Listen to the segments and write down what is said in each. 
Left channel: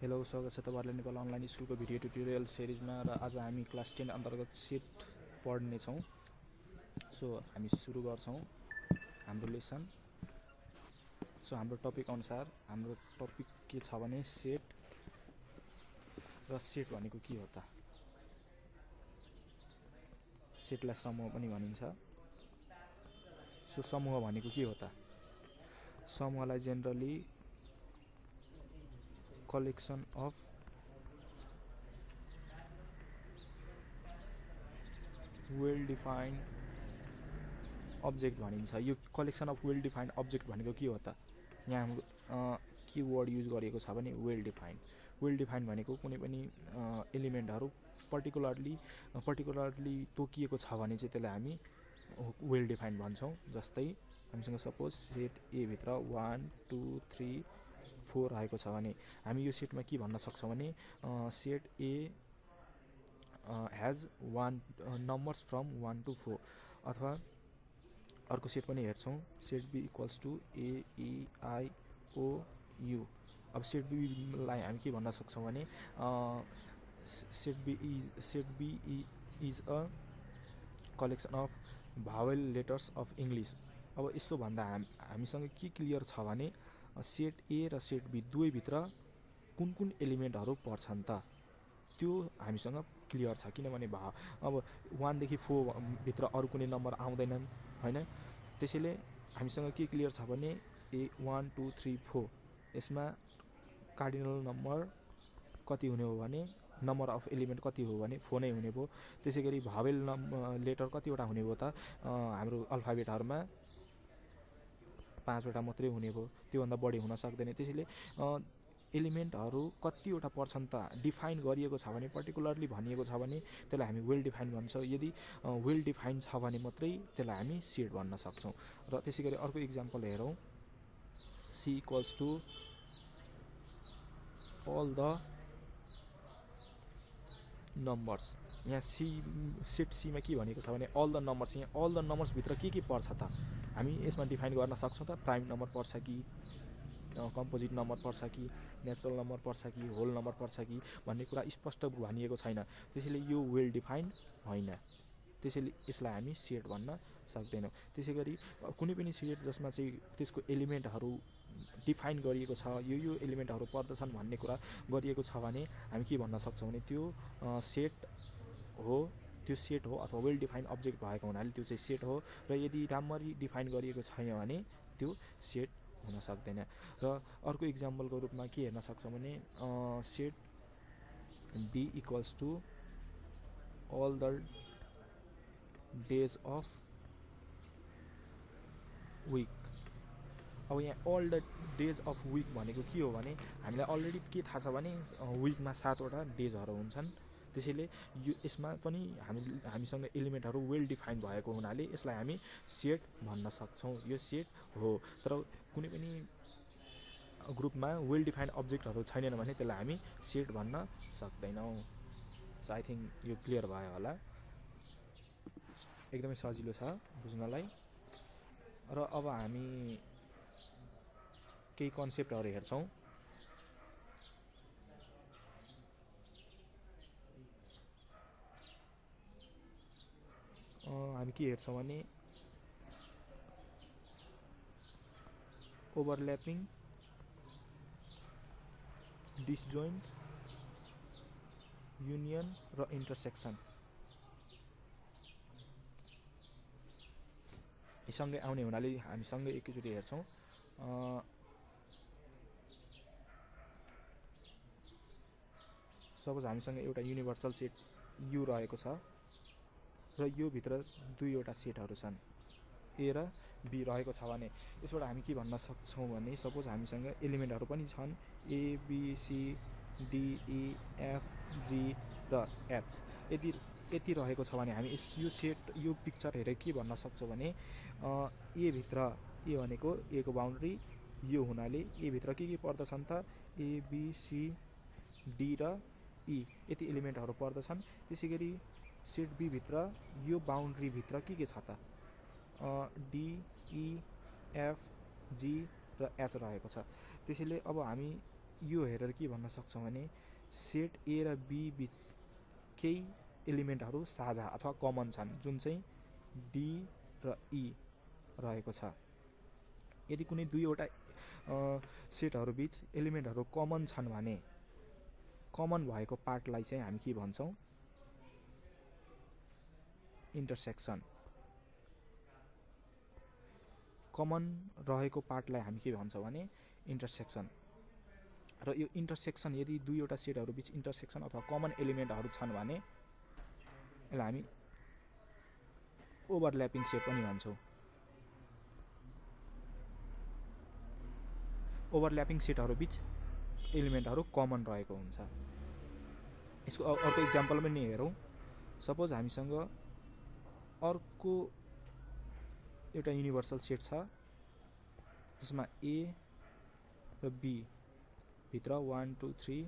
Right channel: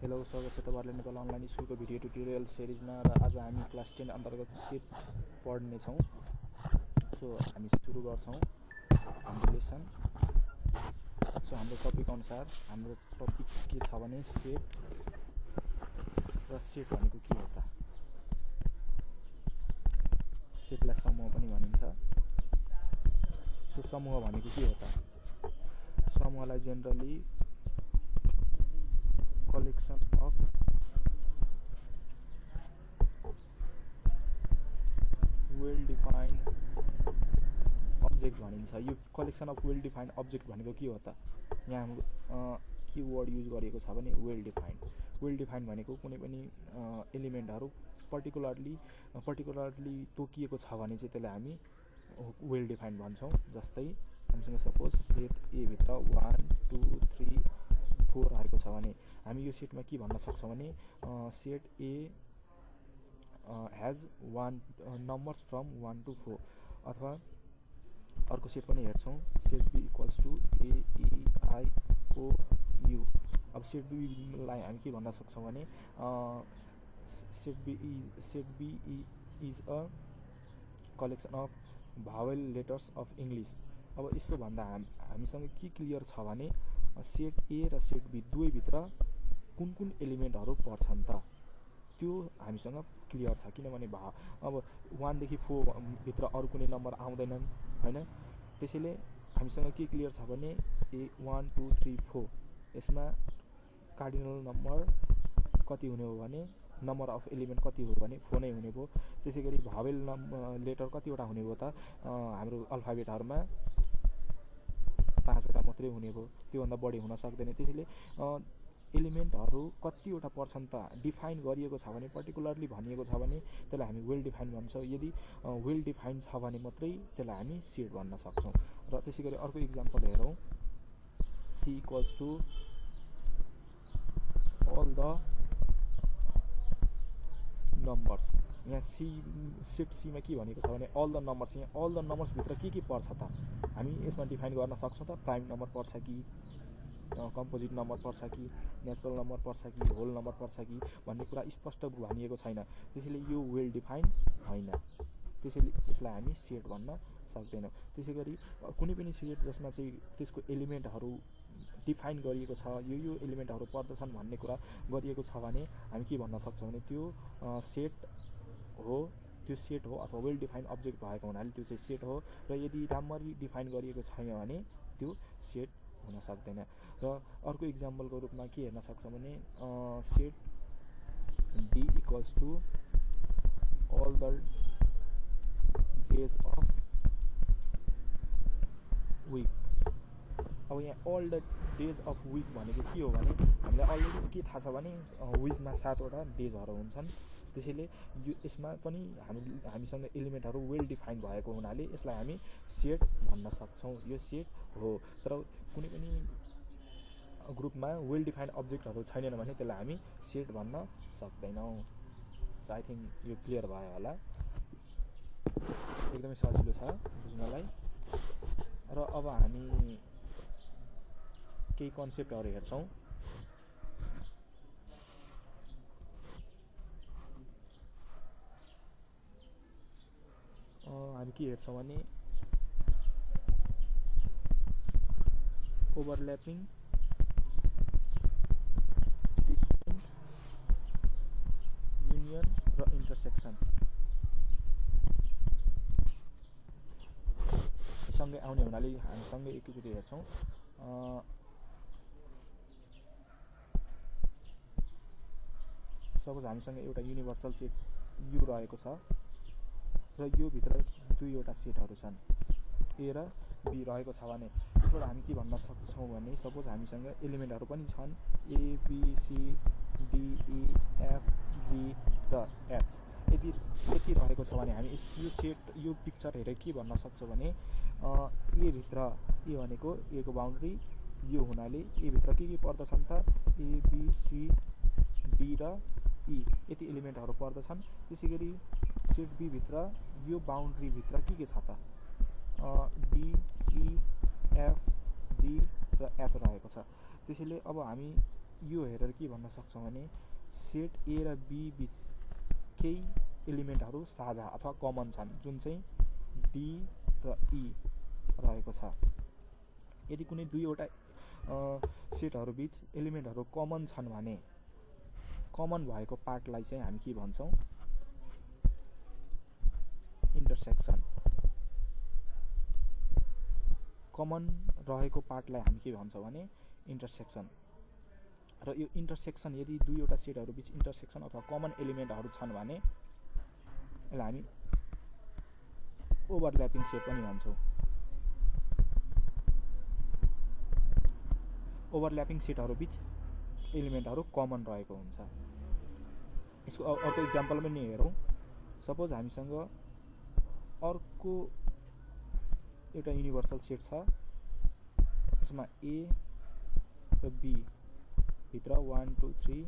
Hello, स्वागत छ तपाईहरुले नेपाल अनलाइन स्कुलको भिडियो ट्युटोरियल सिरिजमा र आज हामी क्लास 10 अन्तर्गत सेट पढ्ने छौं। सो हामी सुरु गर्छौं हाम्रो लेसन। सो हाम्रो टपिक अनुसार हाम्रो टपिक के छ भने सेट र सेट भनेको के हो त? सेटलाई समूह पनि भनिन्छ। सो समूह भनेको के हो त? समूहलाई generally collection of well defined object भनिन्छ। यो collection of well defined object भनेको के हो त? यहाँ हाम्रो के वर्ड युज गरिएको छ भने वेल डिफाइन्ड। वेल डिफाइन्ड भनेको कुनै पनि एलिमेन्टहरु पर्टिकुलरली तोकिएको छ भने चाहिँ त्यसलाई हामी वेल डिफाइन्ड भन्छौं। जस्तै हामीसँग सपोज सेट ए भित्र 1 2 3 4 आएको छ भने हामी यो सेटमा के भन्न सक्छौं भने set A has numbers from 1 to 4। अथवा अर्को सेट पनि हेर्छौं, set B equals to A E I O U. अब सेट बी लाई हामी के भन्न सक्छौं भने set B is a collection of vowel letters of English. अब यसो भन्दा हामीसँग के क्लियर छ भने सेट ए र सेट बी दुवै भित्र कुन कुन एलिमेन्टहरु पर्छन् त त्यो हामीसँग क्लियर छ। किनभने अब 1 देखि 4 भित्र अरु कुनै नम्बर आउँदैनन् हैन। त्यसैले हामीसँग के क्लियर छ भने 1 2 3 4 यसमा कार्डिनल नम्बर कति हुने हो भने नम्बर अफ एलिमेन्ट कति हो भने 4 नै हुने भयो। त्यसैगरी भावेल लेटर कतिवटा हुने भयो त? हाम्रो अल्फाबेटहरुमा 5 वटा मात्रै हुने भयो, त्यो भन्दा बढी हुन सक्दैन। त्यसैले एलिमेन्टहरु कतिवटा पर्छन् त डिफाइन गरिएको छ भने, पर्टिकुलरली भनिएको छ भने त्यसलाई हामी वेल डिफाइन भन्छौं। यदि वेल डिफाइन छ भने मात्रै त्यसलाई हामी सेट भन्न सक्छौं। र त्यसैगरी अर्को एक्जाम्पल हेरौं, c equals to all the numbers। यहाँ सेट सी मा के भनेको छ भने all the numbers। यहाँ all the numbers भित्र के पर्छ त? हामी यसमा डिफाइन गर्न सक्छौं त? प्राइम नम्बर पर्छ कि कम्पोजिट नम्बर पर्छ कि नेचुरल नम्बर पर्छ कि होल नम्बर पर्छ कि भन्ने कुरा स्पष्ट भनिएको छैन। त्यसैले यो वेल डिफाइन हैन। त्यसैले यसलाई हामी सेट भन्न सक्दैनौं। त्यसैगरी कुनै पनि सेट जसमा चाहिँ त्यसको एलिमेन्टहरु डिफाइन गरिएको छ, यो एलिमेन्टहरु पर्दछन् भन्ने कुरा गरिएको छ भने हामी के भन्न सक्छौं भने त्यो सेट हो। त्यो सेट हो अथवा वेल डिफाइन्ड अब्जेक्ट भएको हुनाले त्यो चाहिँ सेट हो। र यदि राम्ररी डिफाइन गरिएको छैन भने त्यो सेट हुन सक्दैन। र अर्को एक्जाम्पलको रूपमा के हेर्न सक्छौं भने set D equals to all the days of week। अब यहाँ all the days of week भनेको के हो भने हामीलाई अलरेडी के थाहा छ भने वीकमा 7 वटा डेजहरु हुन्छन्। त्यसैले यो यसमा पनि हामीसँग एलिमेन्टहरु वेल डिफाइन भएको हुनाले यसलाई हामी सेट भन्न सक्छौं। यो सेट हो। तर कुनै पनि ग्रुपमा वेल डिफाइन अब्जेक्टहरु छैनन् भने त्यसलाई हामी सेट भन्न सक्दैनौं। सो आई थिंक यो क्लियर भयो होला। एकदमै सजिलो छ बुझ्नलाई। र अब हामी केही कन्सेप्टहरु हेर्छौं। हामी के हेर्छौं भने ओभरल्यापिङ, डिसजोइन्ट, युनियन र इन्टरसेक्सन सँगै आउने हुनाले हामी सँगै एकैचोटी हेर्छौं। सपोज हामीसँग एउटा युनिभर्सल सेट यु रहेको छ र यो भित्र दुईवटा सेटहरु छन् ए र बी रहेको छ भने यसबाट हामी के भन्न सक्छौं भने सपोज हामीसँग एलिमेन्टहरु पनि छन् A B C D E F G र एच। यति रहेको छ भने हामी यो सेट यो पिक्चर हेरेर के भन्न सक्छौं भने ए भित्र ए भनेको ए को बाउन्ड्री यो हुनाले ए भित्र के पर्दछन् त ए बी सी डी र ई यति एलिमेन्टहरु पर्दछन्। त्यसैगरी सेट बी भित्र यो बाउन्ड्री भित्र के छ त डी ई एफ जी र एच रहेको छ। त्यसैले अब हामी यो हेरेर के भन्न सक्छौँ भने सेट ए र बी बिच केही एलिमेन्टहरू साझा अथवा कमन छन्, जुन चाहिँ डी र ई रहेको छ। यदि कुनै दुईवटा सेटहरू बिच एलिमेन्टहरू कमन छन् भने कमन भएको पार्टलाई चाहिँ हामी के भन्छौँ? इन्टरसेक्सन। कमन रहेको पार्टलाई हामी के भन्छौँ भने इन्टरसेक्सन। र यो इन्टरसेक्सन यदि दुईवटा सेटहरू बिच इन्टरसेक्सन अथवा कमन एलिमेन्टहरू छन् भने यसलाई हामी ओभरल्यापिङ सेट पनि भन्छौँ। ओभरल्यापिङ सेटहरू बिच एलिमेन्टहरू कमन रहेको हुन्छ। यसको अर्को इक्जाम्पल पनि हेरौँ। सपोज हामीसँग अर्को एउटा युनिभर्सल सेट छ जसमा ए र बी भित्र 1 2 3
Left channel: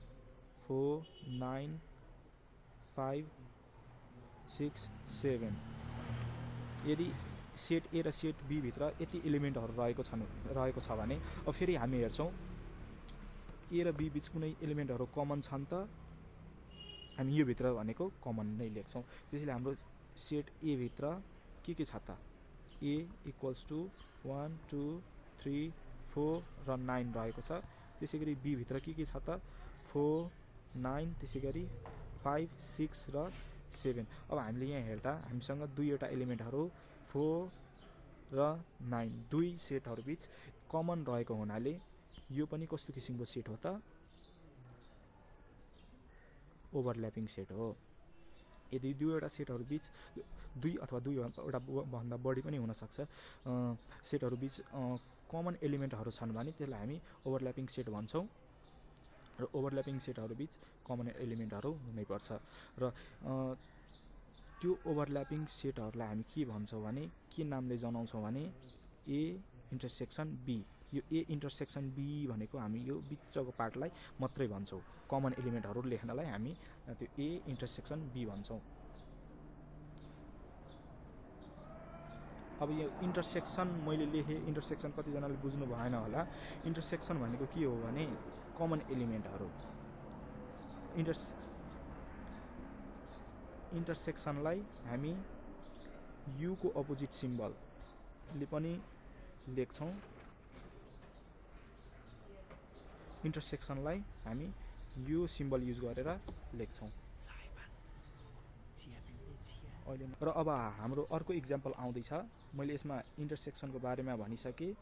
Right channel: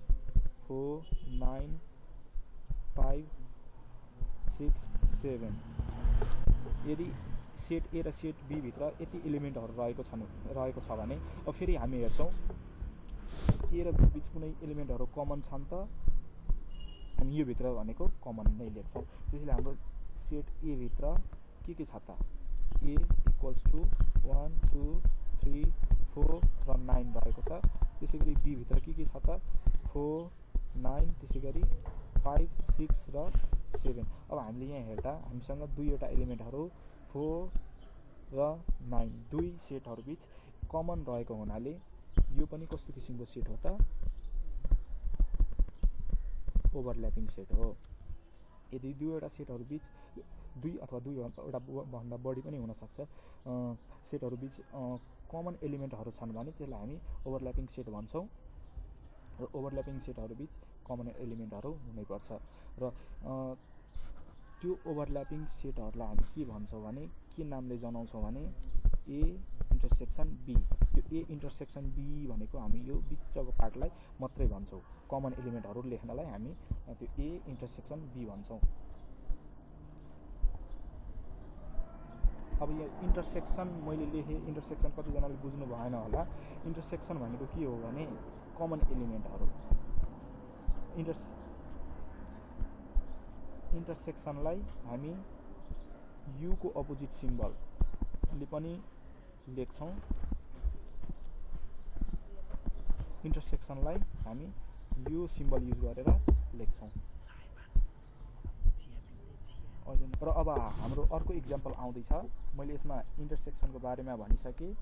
4 9 5 6 7 यदि सेट ए र सेट बी भित्र यति एलिमेन्टहरू रहेको छ भने अब फेरि हामी हेर्छौँ ए र बी बिच कुनै एलिमेन्टहरू कमन छन् त हामी यो भित्र भनेको कमन नै लेख्छौँ। त्यसैले हाम्रो सेट ए भित्र के छ त ए इक्वल्स टु 1 2 3 4 र 9 रहेको छ। त्यसै गरी बी भित्र के छ त 4 9 त्यसै गरी 5 6 र 7। अब हामीले यहाँ हेर्दा हामीसँग दुईवटा एलिमेन्टहरू 4 र 9 दुई सेटहरू बिच कमन रहेको हुनाले यो पनि कस्तो किसिमको सेट हो त? ओभरल्यापिङ सेट हो। यदि दुईवटा सेटहरू बिच दुई अथवा दुईवटा भन्दा बढी पनि हुनसक्छ सेटहरू बिच कमन एलिमेन्टहरू छन् भने त्यसलाई हामी ओभरल्यापिङ सेट भन्छौँ। र ओभरल्यापिङ सेटहरू बिच कमन एलिमेन्टहरू हुनैपर्छ। र त्यो ओभरल्यापिङ सेटहरूलाई हामी के भन्छौँ भने के नामले जनाउँछौँ भने ए इन्टरसेक्सन बी। यो ए इन्टरसेक्सन बी भनेको हामी यो बिचको पार्टलाई मात्रै भन्छौँ। कमन एलिमेन्टहरू लेख्नलाई हामी त्यो ए इन्टरसेक्सन बी भन्छौँ। अब यो इन्टरसेक्सन मैले लेखेँ, इन्टरसेक्सन कतिजनाले बुझ्नु भएन होला। इन्टरसेक्सन भनेको के हो भने कमन एलिमेन्टहरू। इन्टरसेक्सनलाई हामी युको अपोजिट सिम्बलले पनि लेख्छौँ। इन्टरसेक्सनलाई हामी यो सिम्बल युज गरेर लेख्छौँ। र अब हाम्रो अर्को इक्जाम्पल आउँदैछ। मैले यसमा इन्टरसेक्सनको बारेमा भनिसकेँ।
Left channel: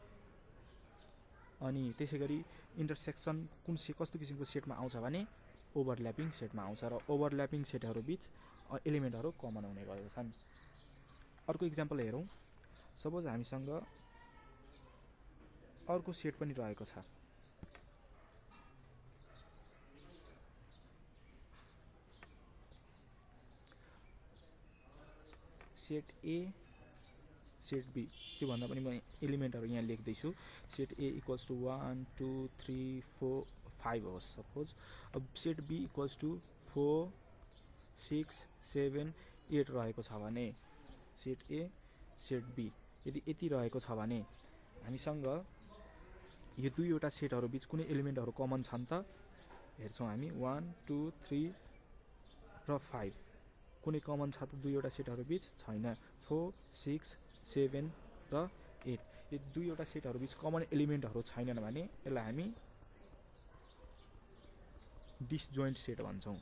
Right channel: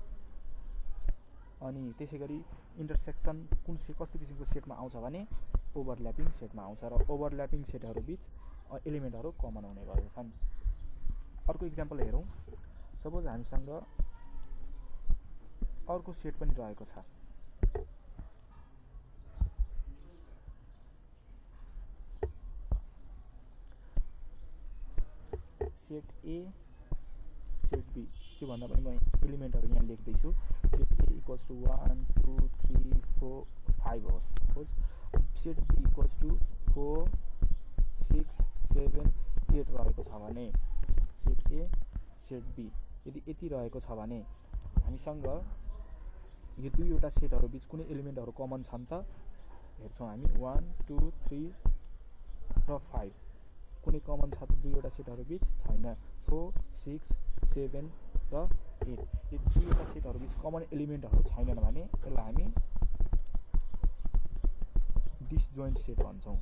अनि त्यसै गरी इन्टरसेक्सन कस्तो किसिमको सेटमा आउँछ भने ओभरल्यापिङ सेटमा आउँछ। र ओभरल्यापिङ सेटहरू बिच एलिमेन्टहरू कमन हुने गर्दछन्। अर्को इक्जाम्पल हेरौँ। सपोज हामीसँग अर्को सेट पनि रहेको छ। सेट ए सेट बी, त्योभन्दा पनि म एलिमेन्टहरू यहाँ लेख्दैछु। सेट ए इक्वल्स टु 1 2 3 4 5 होस् सपोज। अब सेट बी इक्वल्स टु 4 6 7 8 रहेको छ भने सेट ए सेट बी यदि यति रहेको छ भने हामीसँग यो दुईवटा सेटहरू बिच कुनै एलिमेन्टहरू कमन छन् त हेर्छौँ हामी 1 2 3 र 5 कुनै कमन छ त दुईवटा सेटहरू बिच छैन। 4 6 7 र 8 यो दुईवटा सेटहरू बिच कमन एलिमेन्टहरू छैनन् भने यसलाई हामी डिसजोइन्ट सेट भन्छौँ।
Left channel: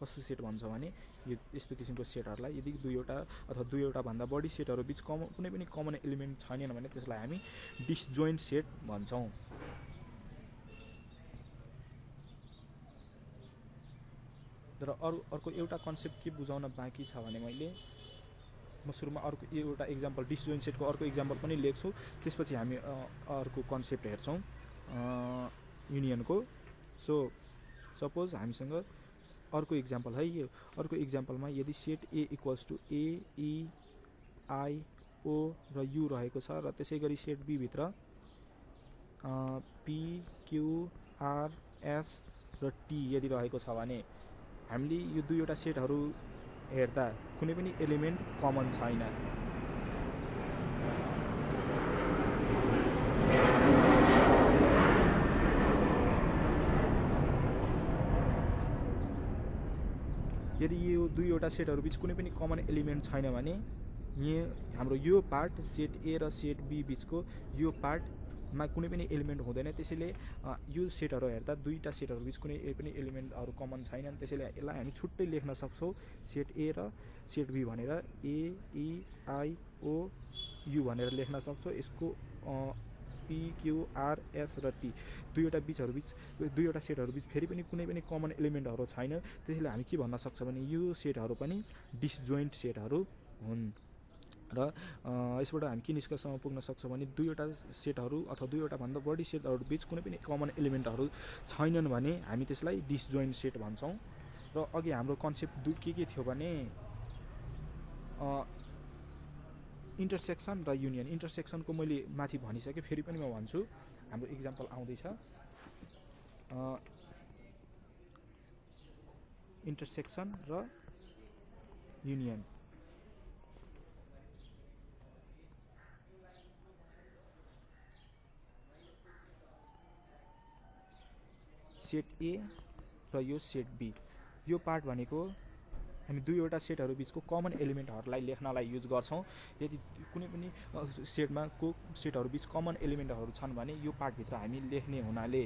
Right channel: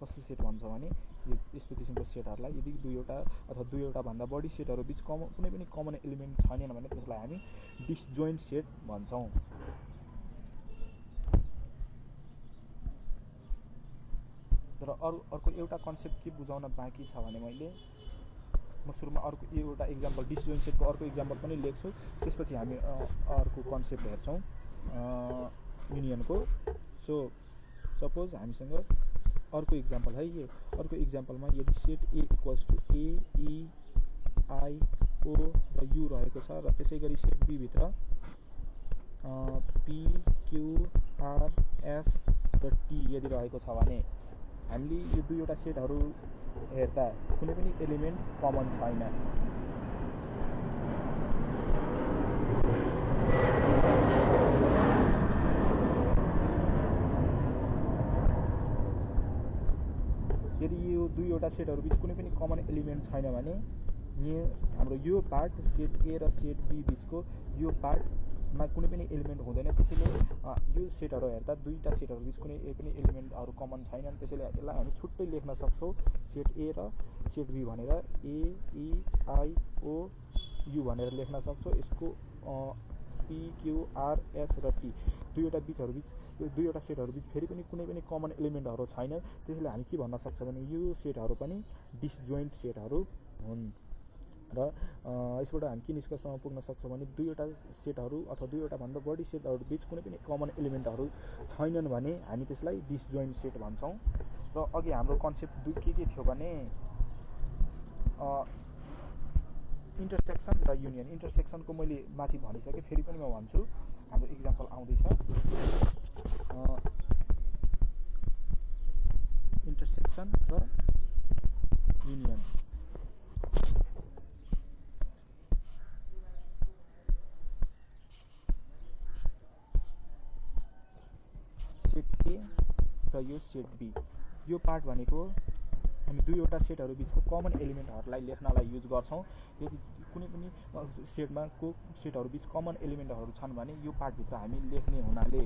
कस्तो सेट भन्छौँ भने यो यस्तो किसिमको सेटहरूलाई यदि दुईवटा अथवा दुईवटा भन्दा बढी सेटहरू बिच कुनै पनि कमन एलिमेन्ट छैनन् भने त्यसलाई हामी डिसजोइन्ट सेट भन्छौँ। र अर्को एउटा कन्सेप्ट के बुझाउन बाँकी छ भने म सुरुमा अर्को एउटा इक्जाम्पल डिसजोइन्ट सेटको अर्को इक्जाम्पल पनि लेख्छु। त्यसपछि हामी अर्को कन्सेप्ट हेर्छौँ युनियनको। सो सपोज हामीसँग अर्को इक्जाम्पल है। यो अर्को इक्जाम्पलमा यदि set A equals to A E I O र यु रहेको छ र त्यसै गरी सेट बी भित्र पी क्यू आर एस र टी यदि रहेको छ भने हामीले यो दुईवटा सेटहरू हेर्दा कुनै पनि एलिमेन्ट कमन छैन। यदि यो दुईवटा सेटहरू बिच कुनै पनि कमन एलिमेन्ट छैन भने हाम्रो यो पार्ट सेट ए र सेट बी बिचको यो पार्टमा कुनै पनि एलिमेन्ट हुँदैन। त्यसैले यो सेटहरू हेर्दा दुईवटा सेटहरू बिच कुनै पनि एलिमेन्टहरू कमन छैनन्। त्यसैले यसलाई हामी छुट्टै लेख्न सक्छौँ सेट ए र सेट बी भनेर ए ई आई ओ यु भनेर लेख्न सक्छौँ। यसको पी क्यू आर एस र टी दुईवटा सेटहरू बिच फेरि पनि कुनै पनि कमन एलिमेन्टहरू छैन। त्यसैले हामी के भन्न सक्छौँ भने यो सेटहरू पनि डिसजोइन्ट सेटहरू हुन्। र यसबाट हामी के निष्कर्षमा पुग्न सक्छौँ भने दुईवटा सेटहरू अथवा दुईवटा भन्दा बढी सेटहरू बिच कुनै पनि कमन एलिमेन्टहरू छैनन् भने हामी त्यसलाई डिसजोइन्ट सेट भन्छौँ। र अघि हाम्रो कन्सेप्ट के थियो भने इन्टरसेक्सन र युनियन। इन्टरसेक्सनको मैले माथि भनिसकेँ, फेरि पनि म भन्छु। हाम्रो इक्जाम्पल आउँदैछ इन्टरसेक्सन र युनियन। सेट ए र यो सेट बी, यो पार्ट भनेको हामी दुईवटा सेटहरू बिचको कमन एलिमेन्टहरूलाई लेख्नलाई युज गर्छौँ। यदि कुनै पनि सेटमा सेटहरू बिच कमन एलिमेन्टहरू छन् भने यो पार्टभित्र हामी लेख्ने हुनाले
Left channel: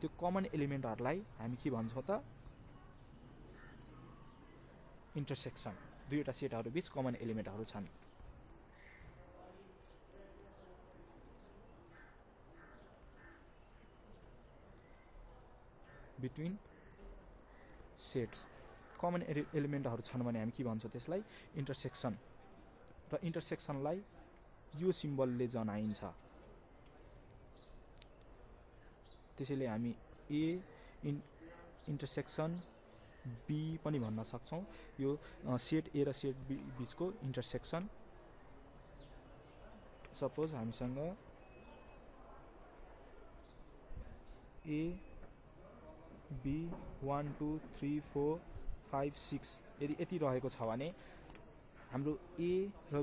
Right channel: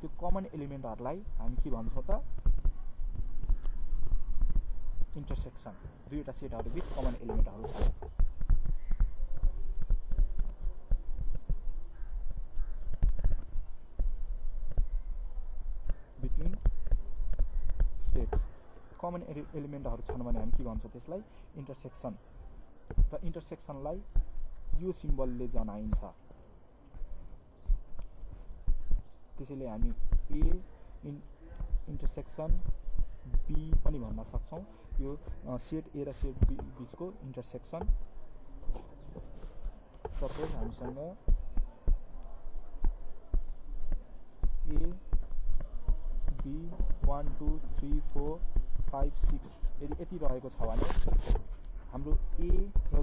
त्यो कमन एलिमेन्टहरूलाई हामी के भन्छौँ त इन्टरसेक्सन। दुईवटा सेटहरू बिच कमन एलिमेन्टहरू छन्। बिट्विन सेट्स कमन एलिमेन्टहरू छन् भने हामी के भन्छौँ त्यसलाई इन्टरसेक्सन। र इन्टरसेक्सनलाई यो सिम्बलले जनाइन्छ। त्यसैले हामी ए इन्टरसेक्सन बी पनि भन्न सक्छौँ। यो सेट ए र सेट बी बिचको इन्टरसेक्सन। सपोज हामीसँग ए बी 1 2 3 4 5 6 यदि यति रहेको छ भने हाम्रो ए र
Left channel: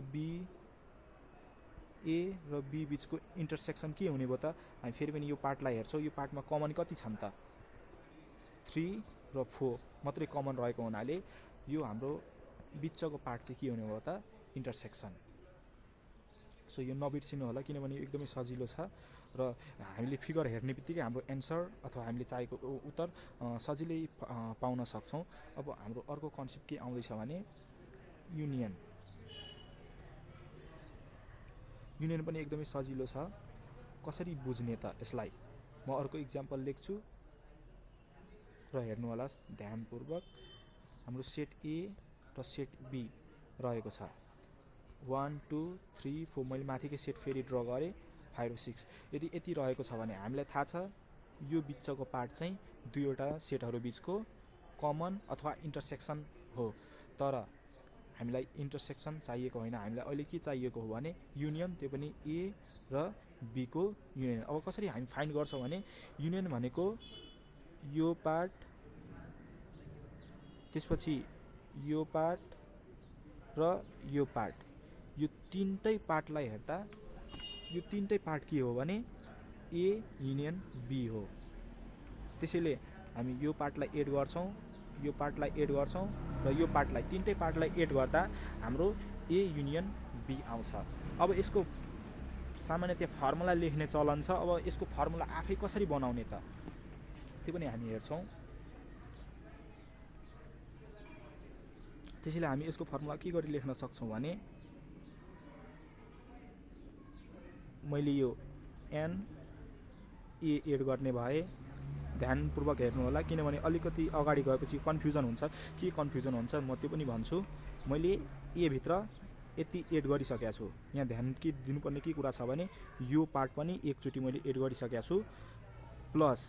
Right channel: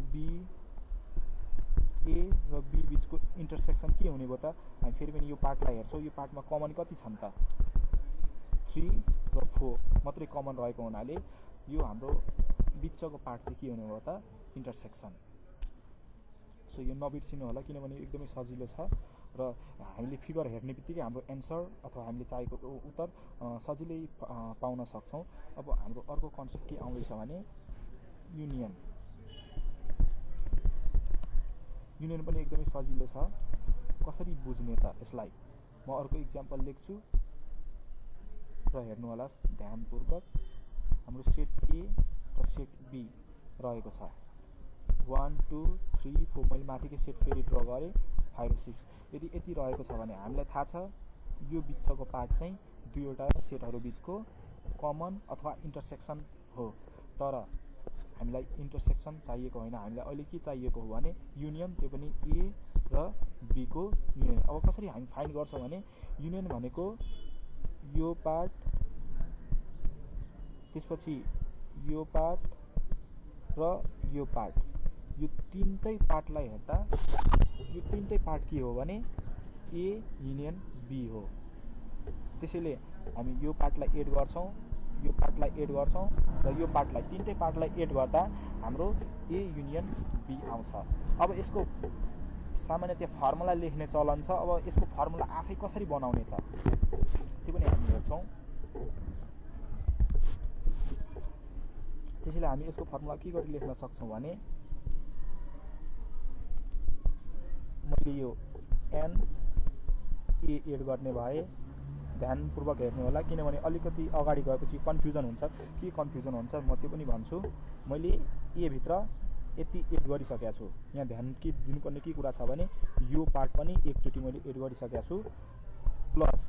बी बिचको इन्टरसेक्सन के हुने भयो त? हामी फेरि पनि यो पार्टलाई हेर्छौँ। यो पार्टमा कमन कति छन् त? 3 र 4 मात्रै कमन रहेको हुनाले यो हाम्रो बिचको पार्ट चाहिँ के हुने भयो त? इन्टरसेक्सन। सो यो नबिर्सिनु होला किनभने एकदमै सजिलो छ र हामीले फिगर हेर्ने बित्तिकै हाम्रो एन्सर अथवा हामीले चाहेको उत्तर सजिलै पाउन सक्छौँ। अब हाम्रो अर्को कन्सेप्ट के आउँदैछ भने युनियन। युनियन पनि एकदमै सजिलो छ। कसरी बुझ्ने त यसलाई? म अर्को इक्जाम्पल लेख्छु र हेर्नु होला ध्यानपूर्वक। हाम्रो सेट ए र सेट बी रहेको छ 1 2 3 4। मैले माथिकै सेट फेरि ड्र गरेँ 5 र 6। यदि यति रहेको छ भने हामीलाई थाहा छ यो बिचको पार्ट चाहिँ दुईवटा सेटहरू बिचको कमन अथवा इन्टरसेक्सन हो। तर हामीलाई इन्टरसेक्सन चाहिएको होइन, हामीलाई अहिले के चाहिएको हो भने युनियन, त्यो पनि ए र बी को युनियन। अब कसरी हामी फाइन्ड गर्छौँ भने युनियन भनेको यो पार्ट, त्यसपछि यो पार्ट र यो पार्ट, यो तीनटै पार्टलाई हेर्दा यो तीनटै पार्ट के हो भने ए युनियन बी हो। त्यसैले हामी यो पार्टलाई एड गर्छौँ, यो पार्टलाई एड गर्छौँ र यो पार्टलाई, तीनटै पार्टलाई एड गर्दा हाम्रो ए युनियन बी आउँछ। अब यसको सामान्यतया फर्मुला लेख्ने चलन छ। अब यसको फर्मुला आफै कसरी बनाउने त त्यो पनि हामी हेर्छौँ। त्यसैले हामी यसको फर्मुला के गरी लेख्न सक्छौँ भने मैले यो एन ए एड गर्ने भए। ध्यानपूर्वक हेर्नु होला किनभने अलिकति अगाडि गएपछि कन्फ्युजन हुन्छ। के कन्फ्युजन हुन्छ म त्यो पनि भन्छु। मैले ए भित्र यति एड गरिसकेको छु। यहाँ ध्यान के दिनुपर्ने के कुरा छ भने यो पार्ट पनि एकचोटि मैले एड गरिसकेको छु प्लस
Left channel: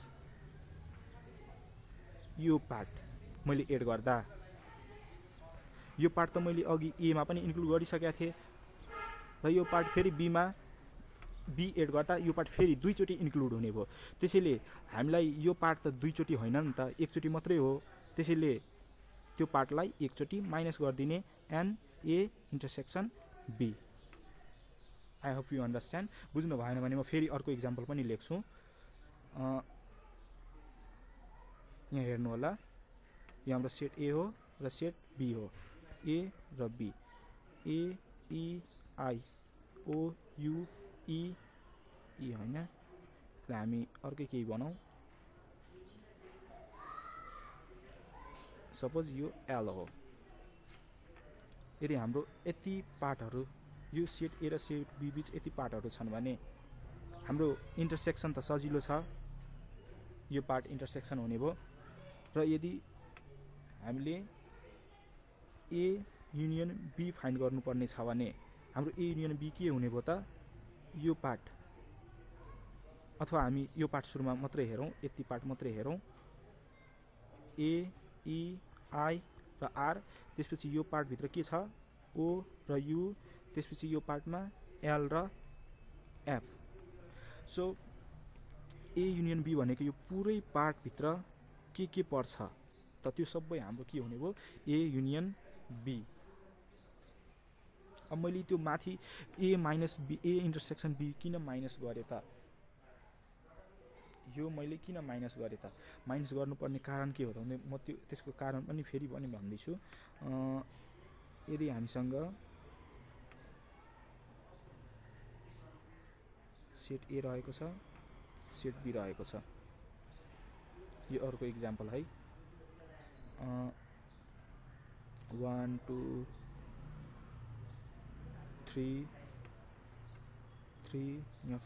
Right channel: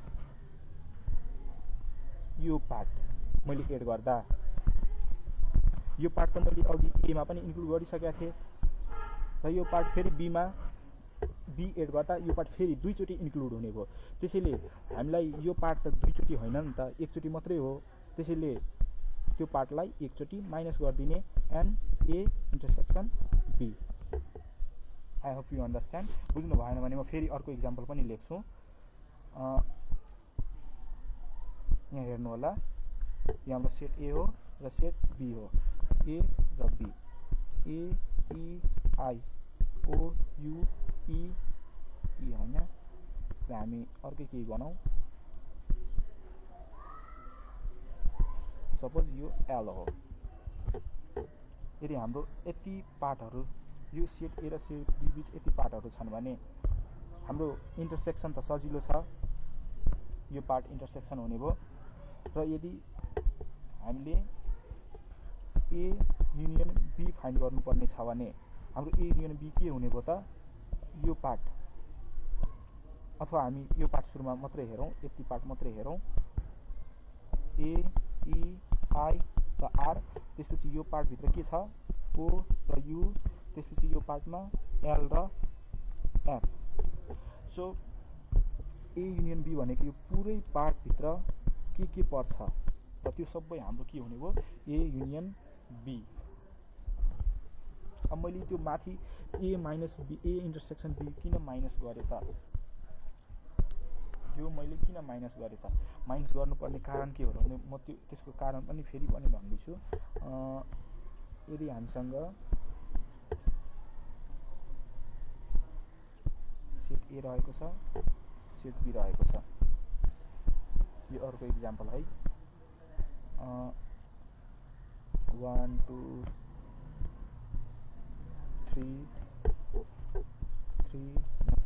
यो पार्ट मैले एड गर्दा यो पार्ट त मैले अघि एमा पनि इन्क्लुड गरिसकेको थिएँ र यो पार्ट फेरि बीमा बी एड गर्दा यो पार्ट फेरि दुईचोटि इन्क्लुड हुने भयो। त्यसैले हामीलाई यो पार्ट त दुईचोटि होइन नि त, एकचोटि मात्रै हो। त्यसैले त्यो पार्टलाई एकचोटि माइनस गरिदिने N A intersection B. I hope you understand. बुझ्नु भएन भने म फेरि अर्को इक्जाम्पल पनि लेख्छु। यहाँ हेर्नु होला यो हाम्रो सेट ए हो र सेट बी हो, ए र B, A E I O U E E होइन। र हामी अर्कै केही बनाऊ, सपोज यो एल हो। यदि हाम्रो यति पार्टहरू यो सेट ए र सेट बी बिच यति पार्टहरू छन् भने हाम्रो इन्टरसेक्सन त सजिलो छ, यो पार्ट इन्टरसेक्सन हुने भयो। र यदि हामीले ए युनियन बी फाइन्ड गर्नुपर्ने छ भने हाम्रो ए युनियन बी के हुने भयो त, यो पार्ट, अथवा हामी यो पार्ट सुरुमा मात्रै हेरौँ, यति पार्ट मात्रै हेरौँ, ए ई आई र आर, त्यसपछि यो पार्टभित्र के छ, ओ र यु, त्यसपछि यो पार्टमा एल र F. So A union B भनेको यो पुरै पार्टभित्र के पर्छ त त्यो सबै हाम्रो के हुने भयो, ए युनियन बी। अब मैले त्यो माथि A minus B, A intersection B किन माइनस गरेँ त, यो मैले किन माइनस गरेँ त, माइनस गर्नुपर्ने कारण के हो र भने म त्यसको कारण पनि फेरि पनि भन्दैछु। यदि हामीसँग सेट ए रहेको छ, सेट बी रहेको छ, यो अर्को इक्जाम्पल है, 1 2 3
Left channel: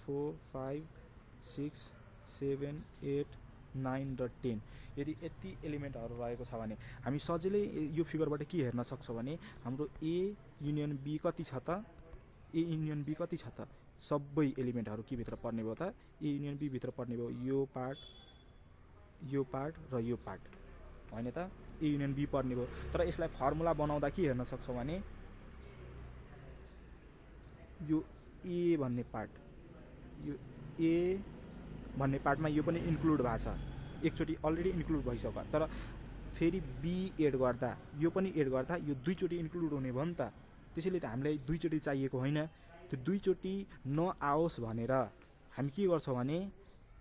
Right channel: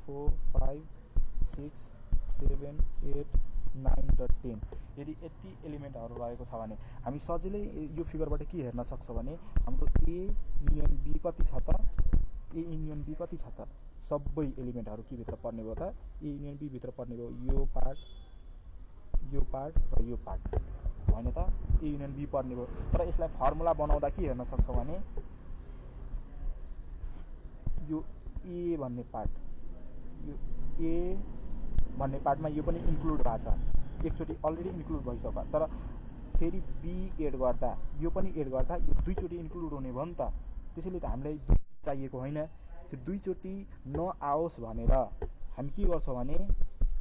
4 5 6 7 8 9 र 10। यदि यति एलिमेन्टहरू रहेको छ भने हामी सजिलै यो फिगरबाट के हेर्न सक्छौँ भने हाम्रो ए युनियन बी कति छ त, ए युनियन बी कति छ त, सबै एलिमेन्टहरू के भित्र पर्ने भयो त, ए युनियन बी भित्र पर्ने भयो, यो पार्ट र यो पार्ट होइन त, ए युनियन बी पर्ने भयो। तर यसलाई फर्मुला बनाउँदा के हेर्न सक्छौँ भने यो ए भन्ने पार्ट, यो ए भन्ने पार्टमा यो पनि इन्क्लुड भएको छ, एकचोटि अलरेडी इन्क्लुड भइसक्यो, तर फेरि बी एड गर्दा यो पनि एड गर्दा यो दुईचोटि इन्क्लुड हुने भयो नि त। त्यसैले त हामीलाई दुईचोटि चाहिएको होइन, त्यो दुईचोटि नआओस् भनेर हामी के गर्छौँ भने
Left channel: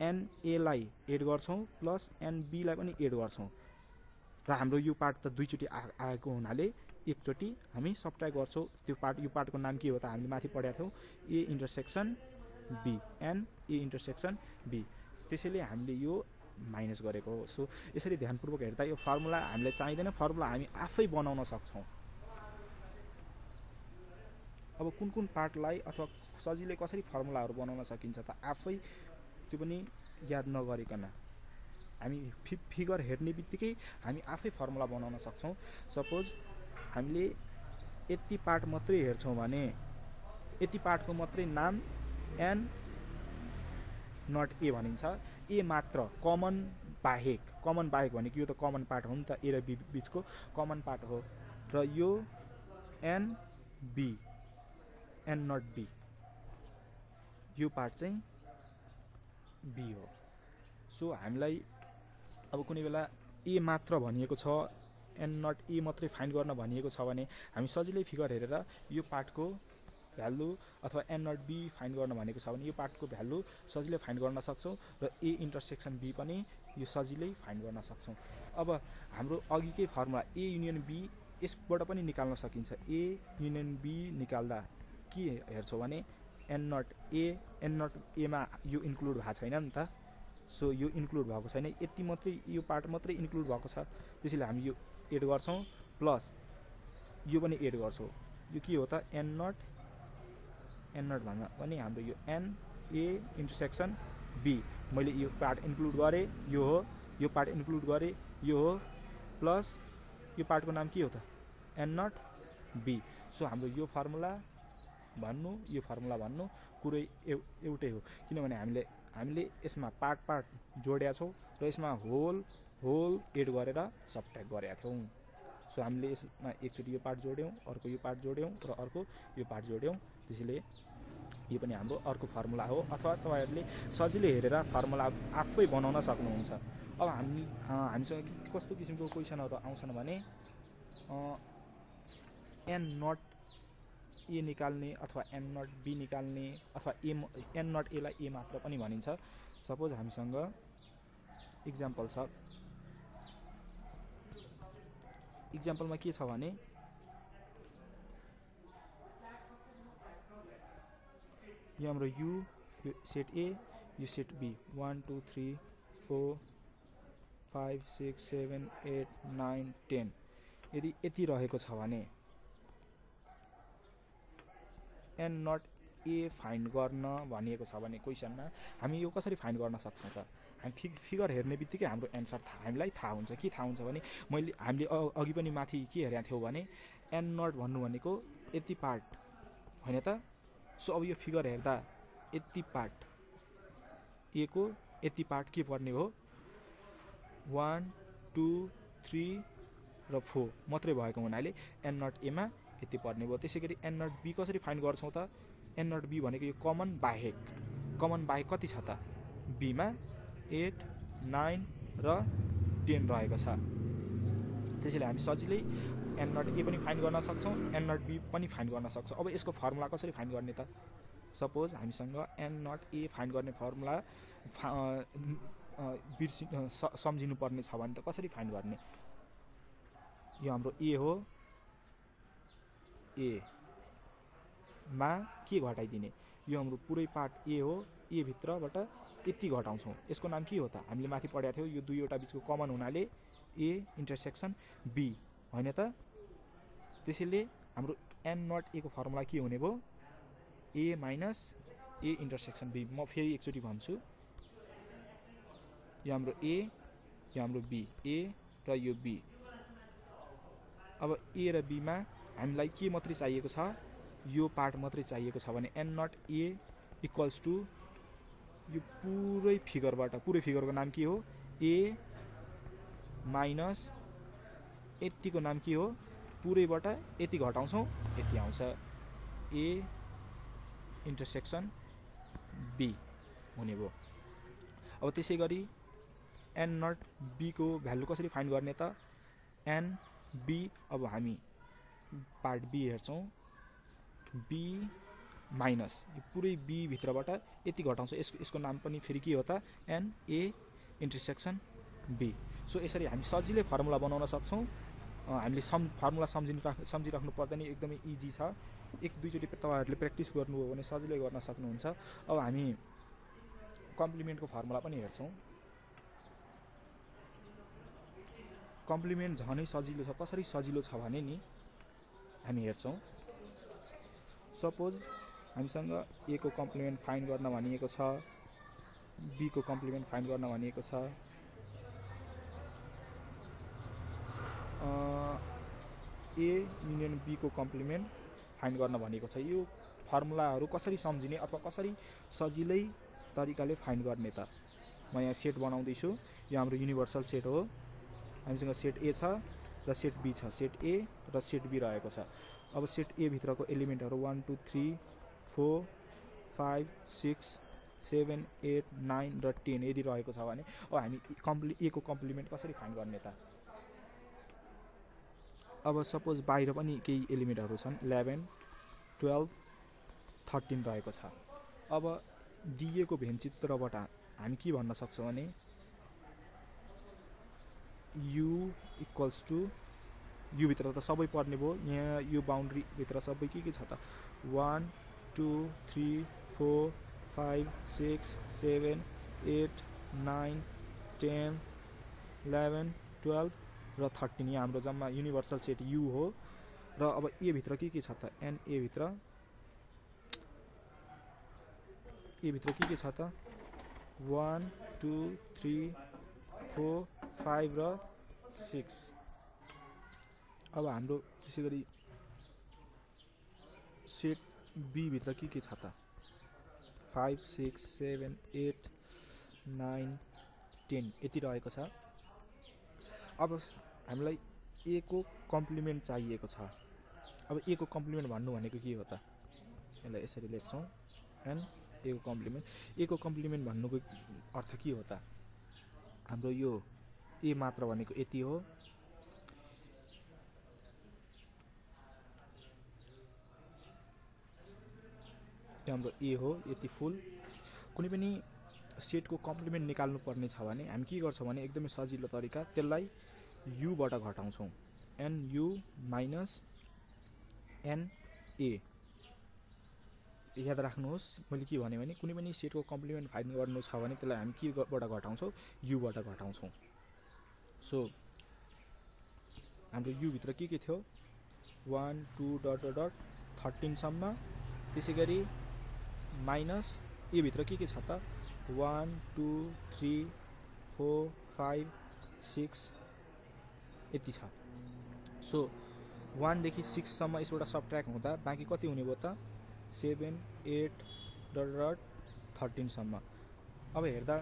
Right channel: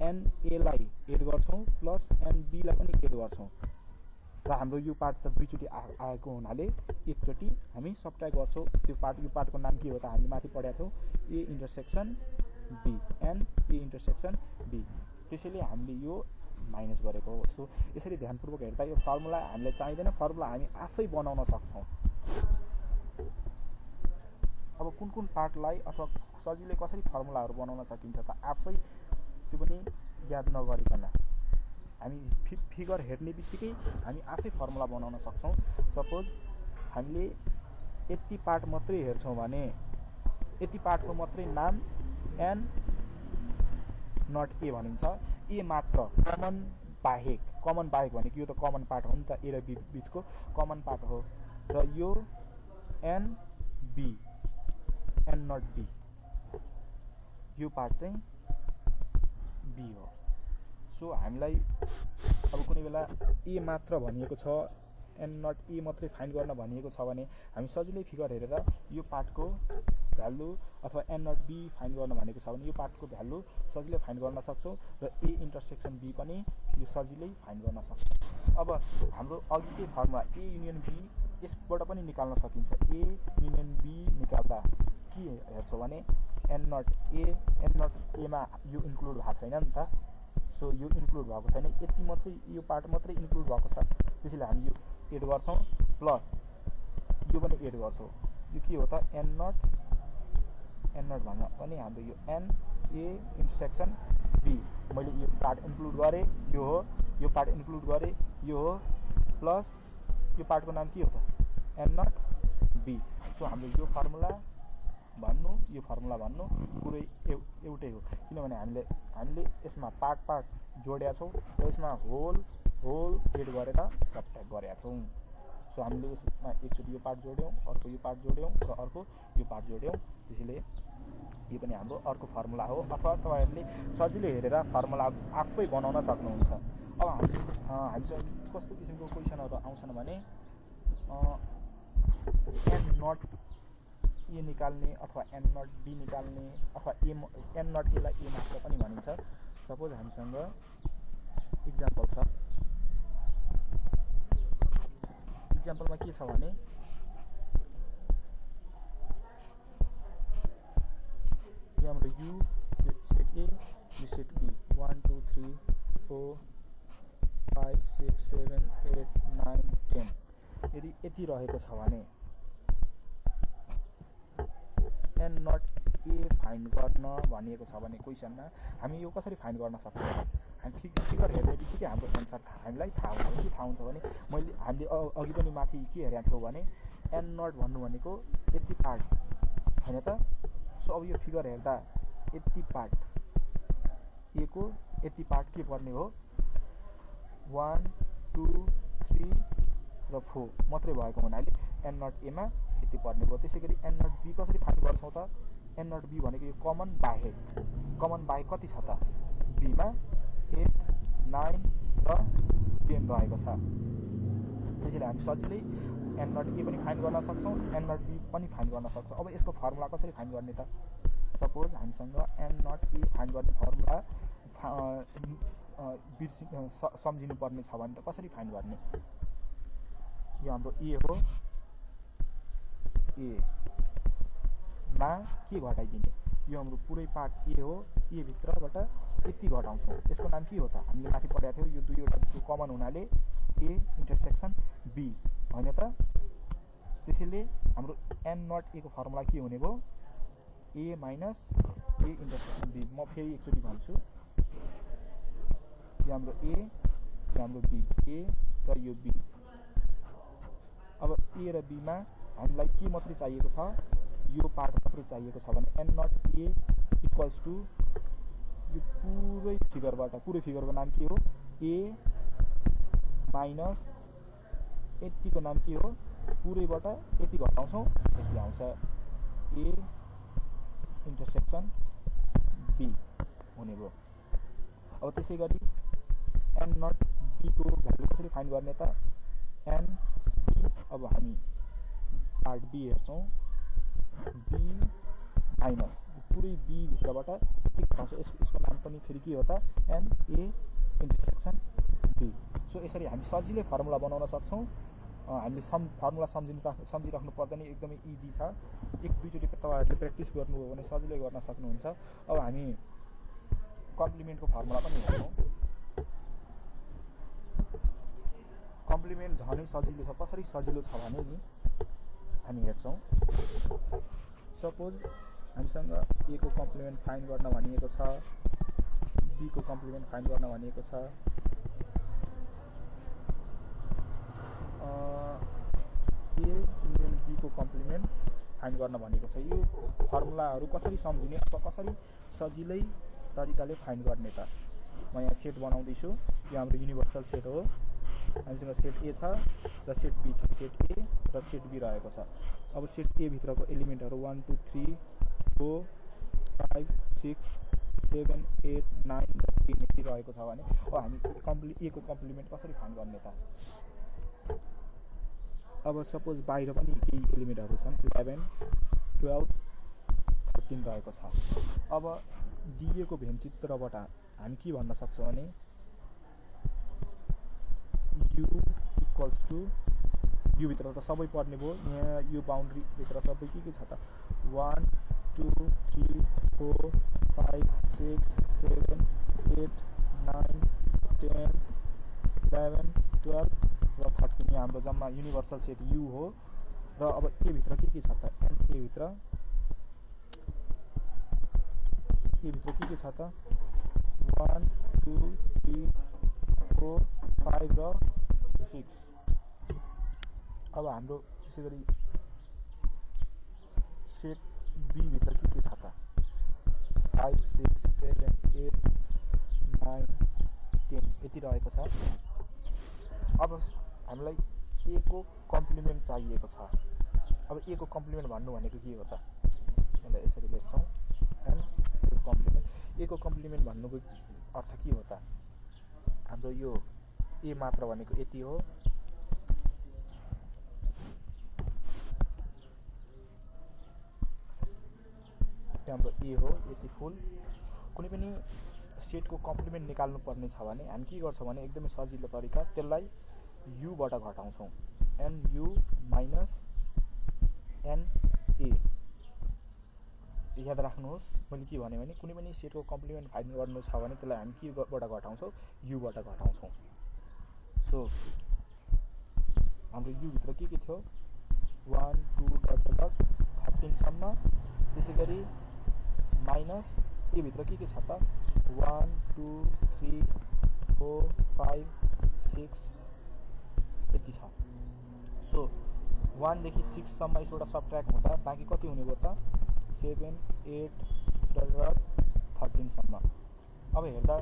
एनएलाई एड गर्छौँ प्लस एनबीलाई पनि एड गर्छौँ, र हाम्रो यो पार्ट त दुईचोटि आएको हुनाले एकचोटि हामी सब्ट्र्याक्ट गर्छौँ। त्यो पार्ट, यो पार्टको नाम के हो त, हामीले माथि पढेका थियौँ, A intersection B, N A intersection B, त्यसैले हामीले यो माइनस गरेको हो। सो यसरी ध्यानपूर्वक हेर्दा यो फर्मुला हामीलाई चाहिँदैन, फर्मुला हामी आफै बनाउन सक्छौँ। अब कुन कुन पार्टलाई अथवा सजिलै कसरी फर्मुलाहरू बनाउन सकिन्छ त, आफै त्यो पनि याद नगरिकन हामी फिगर हेर्ने बित्तिकै हामी आफै फर्मुला बनाउन सक्छौँ। सपोज हामीले यति पार्ट मात्रै हेर्छौँ भने यति पार्टको मात्रै नाम एन नट ए भनिन्छ, ए मात्र कमन बाहेक भनेको यो त कमन पार्ट हो नि त, ए र बी बिचको कमन पार्ट हो, र यो N B, N not B, यो पार्ट चाहिँ बी हो। सो हामीलाई अब कुनै बेला ए मात्र भनिएको छ, एन नट ए मात्रै फाइन्ड गर्न भनिएको छ भने हामी सजिलै फिगर हेरेर यो पार्टको भ्यालु अथवा एन नट बी फाइन्ड गर्न भनेको छ भने यो पार्टको भ्यालु सजिलै फाइन्ड गर्न सक्छौँ, र ए इन्टरसेक्सन बी पनि यो सजिलै फाइन्ड गर्न सक्छौँ। अब हाम्रो अघिकै फर्मुला ए युनियन बी यसबाट पनि निकाल्न सकिन्छ। ए युनियन बी निकाल्दा के हेर्छौँ भने एन नट एमा यो इन्क्लुड भएको छैन नि त, सो यो इन्क्लुड भएको छैन, यति मात्रै यो पार्ट मात्रै इन्क्लुड भएको छ, त्यसैले हामी यो एड गर्छौँ प्लस यो पनि एड गर्छौँ। यो के हो त, एन नट भन्दा पनि हाम्रो यो एन ए इन्टरसेक्सन बी, मैले यो पार्ट इन्क्लुड गरेँ, यो हो, यो पार्ट इन्क्लुड गरेँ, यो हो, प्लस यो पार्टको नाम के हो त, एन नट बी। सो हाम्रो यो फर्मुला भन्नु, यो फर्मुला भन्नु पुरै एउटै हो, किनभने हामीले यसमा पार्ट जोडेका छौँ र यसमा होल एड गरेर सब्ट्र्याक्ट गरेका थियौँ। सो हामीले यसमा एकचोटि यो पार्ट जोड्यौँ, अर्को यो पार्ट जोड्यौँ र अर्को यो पार्ट जोड्यौँ, त्यसैले यो पनि हाम्रो अर्को फर्मुला हो। अथवा तपाईँहरूले सजिलै हेरेर फर्मुला आफै बनाउन सक्नुहुन्छ। अब हामीसँग कस्तो किसिमको क्वेसनहरू आउँछन् भने एन नट ए निकाल्ने अथवा एन नट बी निकाल्ने अथवा एन नट एलाई ए मात्र पनि भनिन्छ। सपोज हामीसँग इक्जाम्पल छ इक्जाम्पलमा के छ भने यो हाम्रो यु यो सेट ए यो सेट बी 1 2 3 4 5 6 7 8 9 10 यदि यति रहेको छ भने एन नट ए फाइन्ड गर्न भनिएको छ भने क्वेसनमा हामी यो कसरी फाइन्ड गर्न सक्छौँ त हामी फिगर हेर्ने बित्तिकै हाम्रो एन्सर हामीलाई थाहा हुन्छ के थाहा हुन्छ भने हामीले अघि पनि माथि के हेरेका थियौँ भने एन नट भन्नु भनेको यति पार्ट होइन त सो अब यो फिगर हेर्दा यति पार्ट ए को यति पार्ट के पर्ने हो 1 2 3 र 4 मात्रै भएको हुनाले एन नट एमा यति पर्ने भयो। त्यसै गरी एन नट बी कसरी फाइन्ड गर्छौँ त एन नट बी भनेको यो कमन बाहेक कति छ त बीमा 8 9 र 10 रहेको छ। त्यसैले हामी सजिलै एन नट ए पनि फाइन्ड गर्न सक्छौँ एन नट बी पनि फाइन्ड गर्न सक्छौँ। अब यसको फर्मुला कसरी फाइन्ड गर्ने त सपोज हामीसँग एन नट ए फाइन्ड गर्ने फर्मुला सम्झिनु पर्ने छ भने त कसरी फाइन्ड गर्ने यो हाम्रो ए हो ए मा के घटाइदिने यो हाम्रो पुरै पार्ट ए हो ए भित्रबाट यति घटाउँछौँ यसको नाम के हो त हामीले माथि पढेको थियौँ यो दुईवटा बिचको कमन हुनाले ए इन्टरसेक्सन बी होइन त। त्यसैले हाम्रो एन नट ए को फर्मुला के हुने भयो ए माइनस ए इन्टरसेक्सन बी। म फेरि एकचोटि भन्छु यो हाम्रो ए यो हाम्रो बी ए र यो बी। अब ए र बीमा हामीलाई के मात्रै चाहिएको छ यो पार्ट मात्रै चाहिएको छ भने N not A equals to यो पुरै फिगरको नाम के हो ए माइनस यतिको नाम के हो पुरैबाट यति घटाउँछौँ यति आउँछ ए इन्टरसेक्सन बी हुने भयो। अब त्यसै गरी एन नट बी को भ्यालु कसरी फाइन्ड गर्ने त एन बी अब हामी पार्ट बी हेर्छौँ बी माइनस यो पुरै बी भित्रबाट यति घटाउँछ यसको नाम पनि फेरि के हो त N A intersection B. So यसरी हामी सजिलै फर्मुला बनाउन सक्छौँ। हामीले फर्मुला सम्झिराख्नु पर्दैन एकदमै इजी छ एक दुईचोटि तपाईँहरूले प्र्याक्टिस गर्नुभयो भने सजिलै गर्न सक्नुहुन्छ। अब हामी कम्प्लिमेन्टको फर्मुला पनि हेर्छौँ। कम्प्लिमेन्ट झनै सजिलो छ कसरी सजिलो छ भने नि हामी हेर्छौँ सपोज हामीसँग ए को कम्प्लिमेन्ट फाइन्ड गर्न भनिएको छ बी को कम्प्लिमेन्ट फाइन्ड गर्न भनिएको छ ए युनियन बी को कम्प्लिमेन्ट फाइन्ड गर्न भनेको छ। यो फर्मुलाहरू कसरी सम्झिने अथवा कसरी सजिलै तरिकाले फाइन्ड गर्ने त म यहाँ सेट बनाउँदैछु यो हाम्रो युनिभर्सल सेट हो हामीसँग सेट ए छ र सेट बी छ सेट ए र सेट बी रहेको छ। अब सेट ए भित्रको एलिमेन्टहरू 1 2 3 4 5 6 7 8 9 र 10 यदि रहेको छ भने अब हामी ए को कम्प्लिमेन्ट कसरी फाइन्ड गर्ने त अब सपोज बाहिर पनि केही एलिमेन्टहरू छन् 11 12 13 रहेको छ। अब दिएको भेनचित्रबाट हामी के भन्न सक्छौँ भने यु इक्वल्स टु यु भित्र त सबै पर्ने भयो यहाँ यो बााउन्ड्री भित्र सबै के छ त 1 2 3 4 5 6 7 8 9 10 11 12 र 13 यहाँ हाम्रो जम्मा युनिभर्सल सेट यु हो। र अब ए भित्र के छ त एन ए भित्र के छ त 1 2 3 4 5 र 6। अब हाम्रो त्यसै गरी सेट बी भित्र के छ त 5 6 7 8 9 10 यति रहेको छ। अब हामीलाई ए को कम्प्लिमेन्ट चाहिएको छ। अब ए को कम्प्लिमेन्ट भन्नु भनेको के हो त यसलाई यसरी लेख्छौँ एन ए को कम्प्लिमेन्ट भन्नुको अर्थ के हो त हाम्रो यो ए मात्र भनेको यति हो हाम्रो ए हो यति फुल। कुनै पनि सेटको कम्प्लिमेन्ट निकाल्नु पर्ने छ भने हामी के गर्छौँ भने एकदमै सजिलो तरिका त्यसलाई युबाट घटाउँछौँ, एनयु माइनस एनए। याद राख्नुहोस् मैले के भने कुनै पनि सेटको कम्प्लिमेन्ट फाइन्ड गर्नु छ भने त्यसलाई हामी केबाट घटाउँछौँ, युबाट घटाउँछौँ। सो हाम्रो युभित्र के थियो 1 2 डट डट डट 13 सम्म, त्यसै गरी माइनस ए भित्र के छ त 1 2 3 4 5 6 यति छ। सो 1 देखि 6 सम्म यसबाट सबट्र्याक्ट हुँदा बाँकी कति हुने भयो त 7 8 डट डट 13 सम्म। अब हेर्दा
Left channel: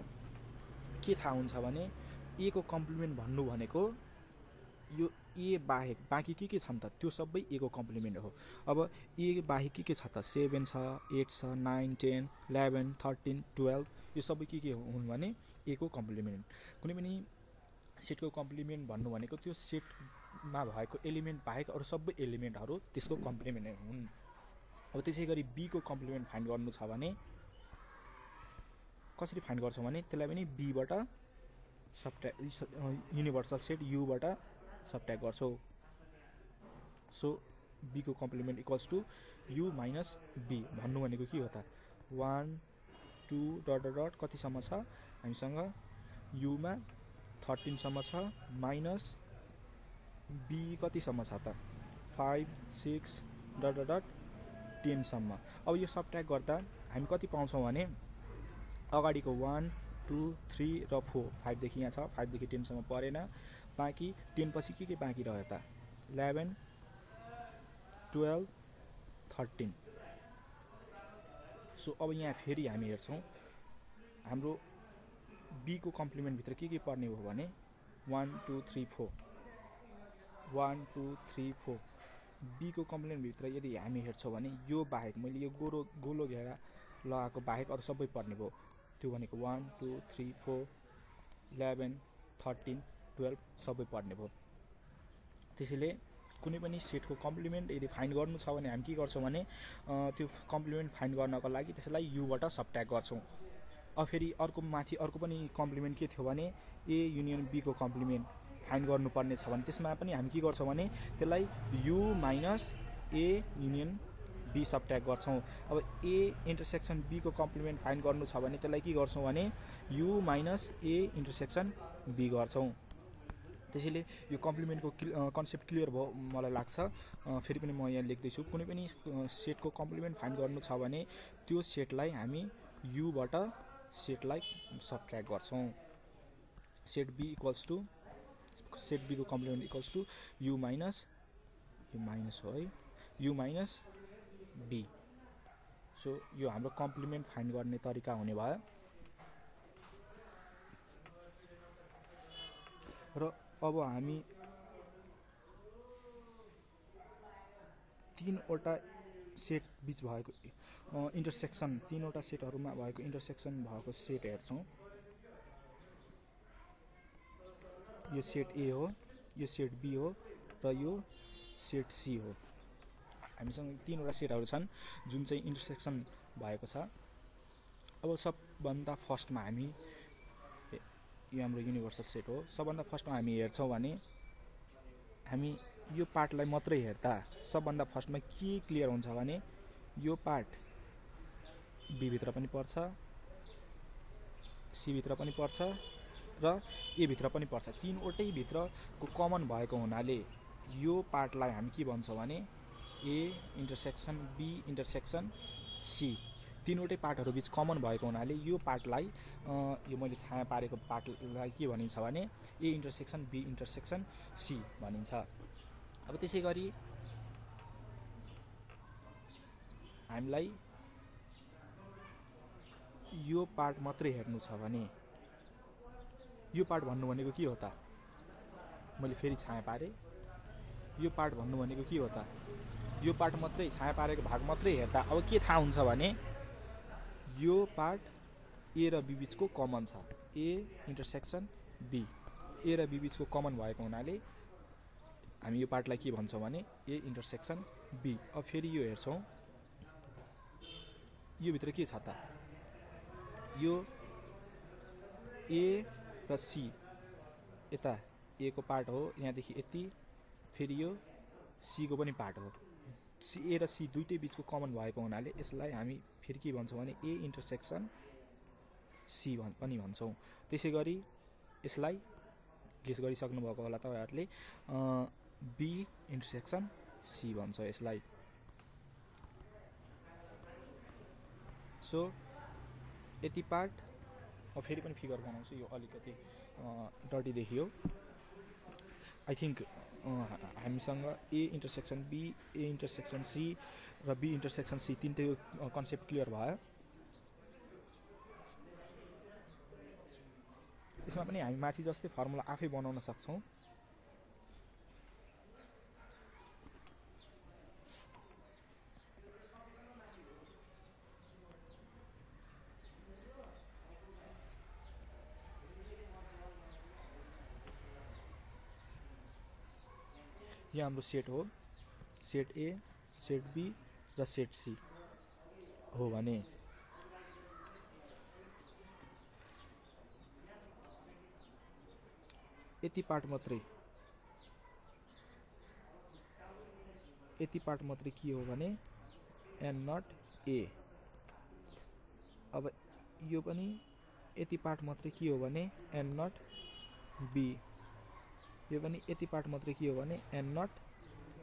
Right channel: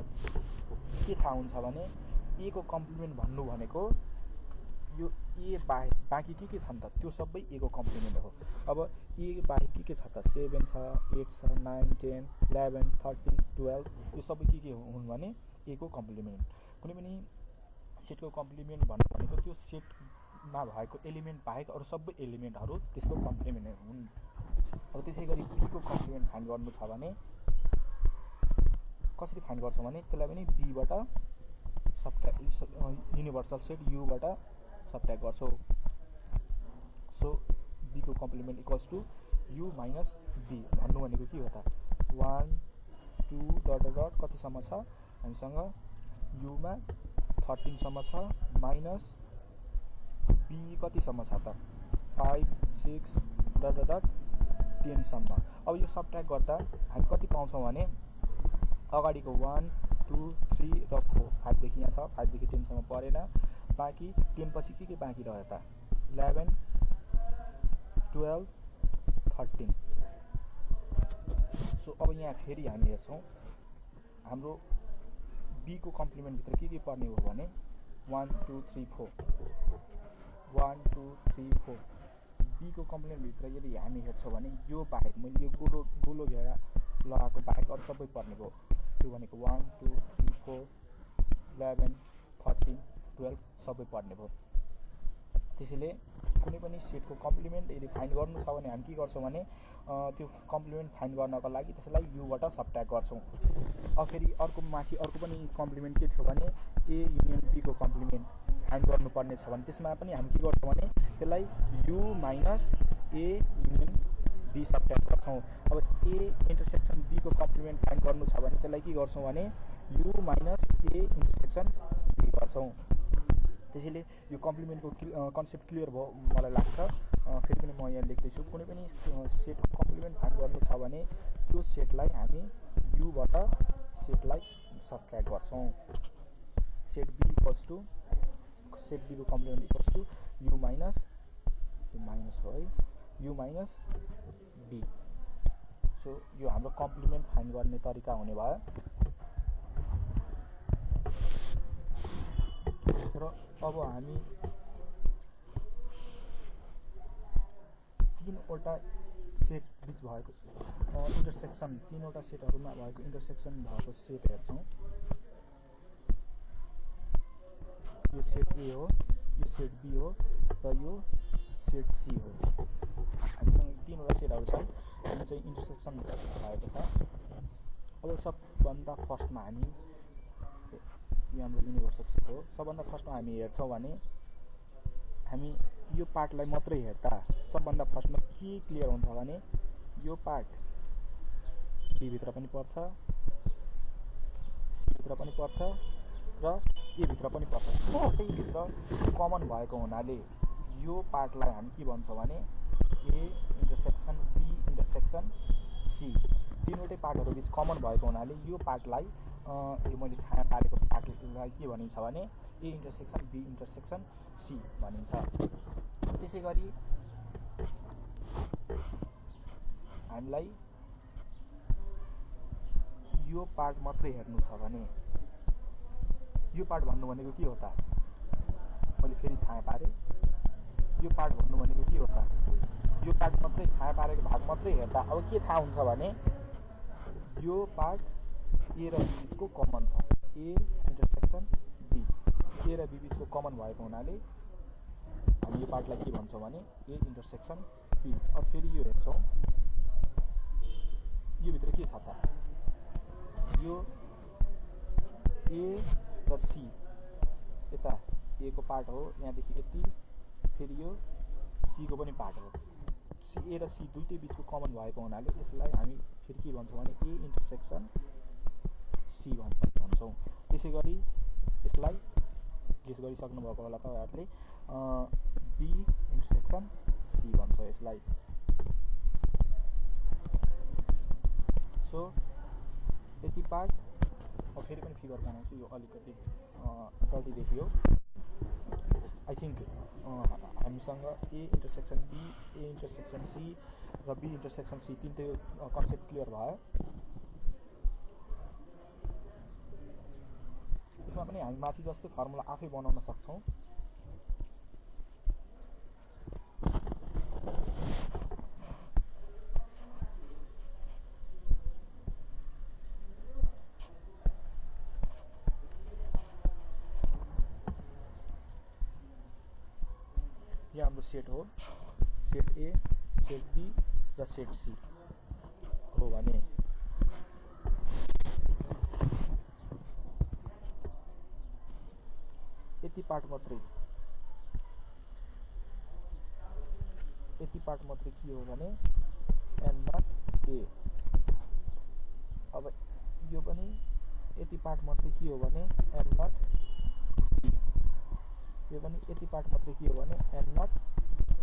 के थाहा हुन्छ भने ए को कम्प्लिमेन्ट भन्नु भनेको यो ए बाहेक बाँकी के छन् त त्यो सबै ए को कम्प्लिमेन्ट हो। अब ए बाहेक के छ त 7 छ 8 छ 9 10 11 13 12 यो सबै के हुन् भने ए को कम्प्लिमेन्ट। कुनै पनि सेटको कम्प्लिमेन्ट भन्नु भनेको त्यो सेटमा भएको एलिमेन्ट बाहेक अरू सबै एलिमेन्टहरू त्यसको कम्प्लिमेन्ट हुन्। अब त्यसै गरी बी को कम्प्लिमेन्ट फाइन्ड गर्नु छ भने कसरी फाइन्ड गर्छौँ भने त्यसलाई पनि बीबाट सबट्र्याक्ट युनिभर्सल सेट युबाट सबट्र्याक्ट गर्छौँ। सो बी को complement equals to U minus B भन्नु भनेको के हो त 1 2 डट डट डट कतिसम्म छ हामीसँग युमा 13 सम्म छ माइनस बी कतिसम्म छ त 5 6 डट डट डट 10 सम्म। अब यो सबट्र्याक्ट गर्दा हामी कति पाउँछौँ भने अगाडिको 1 2 3 र 4 5 देखि यहाँ छ 5 देखि 10 सम्म परेन, बाँकी 10 पछि के बाँकी रह्यो त 11 12 13। सो अब यहाँ फेरि हामी हेर्छौँ हाम्रो बी को कम्प्लिमेन्ट भित्र के पर्ने हो भने 1 2 3 4 1 2 3 4। बी को कम्प्लिमेन्ट भित्र यदि हामी हेर्छौँ भने यो बाहेक मैले यो गोलो घेरा लगाएको बाहेक अरू सबै पर्ने भयो। त्यो भनेको 1 2 3 4 11 13 12 सबै पर्ने भयो। त्यसैले कुनै पनि सेटको कम्प्लिमेन्ट यदि फाइन्ड गर्नु छ भने हामी के गर्छौँ भने त्यो कम्प्लिमेन्ट फाइन्ड गर्नको लागि त्यसलाई युबाट सबट्र्याक्ट गर्छौँ। अब फेरि अर्को पनि कम्प्लिमेन्ट के थियो भने ए युनियन बी को कम्प्लिमेन्ट फाइन्ड गर्नुपर्ने छ भने त्यसमा पनि हामी के गर्छौँ भने त्यसलाई U minus A union B subtract गर्छौँ। अब ए इन्टरसेक्सन बी को कम्प्लिमेन्ट फाइन्ड गर्नु छ भने त्यसलाई के गर्छौँ भने U minus A intersection B गर्छौँ। त्यसैले यो कम्प्लिमेन्टको कन्सेप्ट क्लियर भयो मलाई लाग्छ। फेरि पनि म यहाँ लेख्दैछु कुनै पनि सेटको कम्प्लिमेन्ट फाइन्ड गर्नु छ भने त्यो सेटलाई हामी युबाट सेटलाई सबट्र्याक्ट गर्छौँ। Set B equals to set B को complement equals to U minus हो है यु माइनस बी। सो यो हाम्रो कम्प्लिमेन्ट फाइन्ड गर्ने तरिका हुने भयो। र अब हामी तीनवटा सेट बिच भएको इन्टरसेक्सन तीनवटा सेटहरूमा भएको इन्टरसेक्सन भएको सेट हेर्छौँ। यो सेट ए हो, यो सेट बी हो र यो सेट सी हो। हामीसँग तीनवटा सेटहरू छन् जुन चाहिँ इन्टरसेक्सन भएको छ। अब सबभन्दा फर्स्टमा हामी यो हाम्रो युनिभर्सल सेट हो। सबभन्दा फर्स्टमा हामी हेर्छौँ भने हामी यो पार्टलाई मात्रै हेर्दा सबभन्दा फर्स्टमा के क्लियर हुन्छ भने यो पार्ट बी भित्र पनि पर्छ, सी भित्र पनि पर्छ र ए भित्र पनि पर्छ। तीनवटै भित्र कमन भएको हुनाले यो पार्टलाई हामी के भन्छौँ भने A intersection B intersection C. तीनवटै पार्टहरू बिच कमन भएको हुनाले यो पार्टलाई यो मैले छाया पारेको पार्टलाई के भनिन्छ भने A intersection B intersection C भनिन्छ। त्यसै गरी हामीलाई यो पार्ट मात्रै हेर्नु छ भने यो पार्ट भन्नु भनेको के हो त मैले फेरि छाया पारेँ। यो पार्ट भन्नु भनेको के हो त यो पार्ट मात्रै छाया पारेको भाग मात्रै हेर्दा अब के थाहा हुन्छ भने यो पार्ट ए र बी बिचको कमन छ, ए इन्टरसेक्सन बी ए र बी बिचको कमन भएको हुनाले हामी यो पार्टलाई के भन्छौँ भने ए इन्टरसेक्सन बी। अब फेरि यो हेर्छौँ यो भित्र के छ त यो ए र सी यता ए को पार्ट हो, यहाँदेखि यति, फेरि यो सी को पनि पार्ट हो। ए र सी दुइटै बिचको कमन भएको हुनाले यसलाई हामी फेरि के भन्छौँ भने ए इन्टरसेक्सन सी पनि भन्छौँ। त्यसै गरी यसलाई गेस गरिसक्नुभएको होला तपाईँहरूले, बी इन्टरसेक्सन सी भन्छ यसलाई। सो यति पार्ट, म फेरि पनि फिगर बनाउँछु, यो अलिकति डर्टी देखियो। आई थिङ्क हामीसँग A intersection B, A intersection C र बी इन्टरसेक्सन सी तिनटैको कन्सेप्ट क्लियर भयो। यसमा पनि हामी माथि जस्तै फर्मुला आफै बनाउन सक्छौँ। यो हाम्रो सेट हो, सेट ए, सेट बी र सेट सी हो भने यति पार्ट मात्रै के हो भने एन नट ए। अब यो पनि यति पार्ट मात्रै के हो भने एन नट बी। यो पनि यति पार्ट मात्रै के हो भने एन नट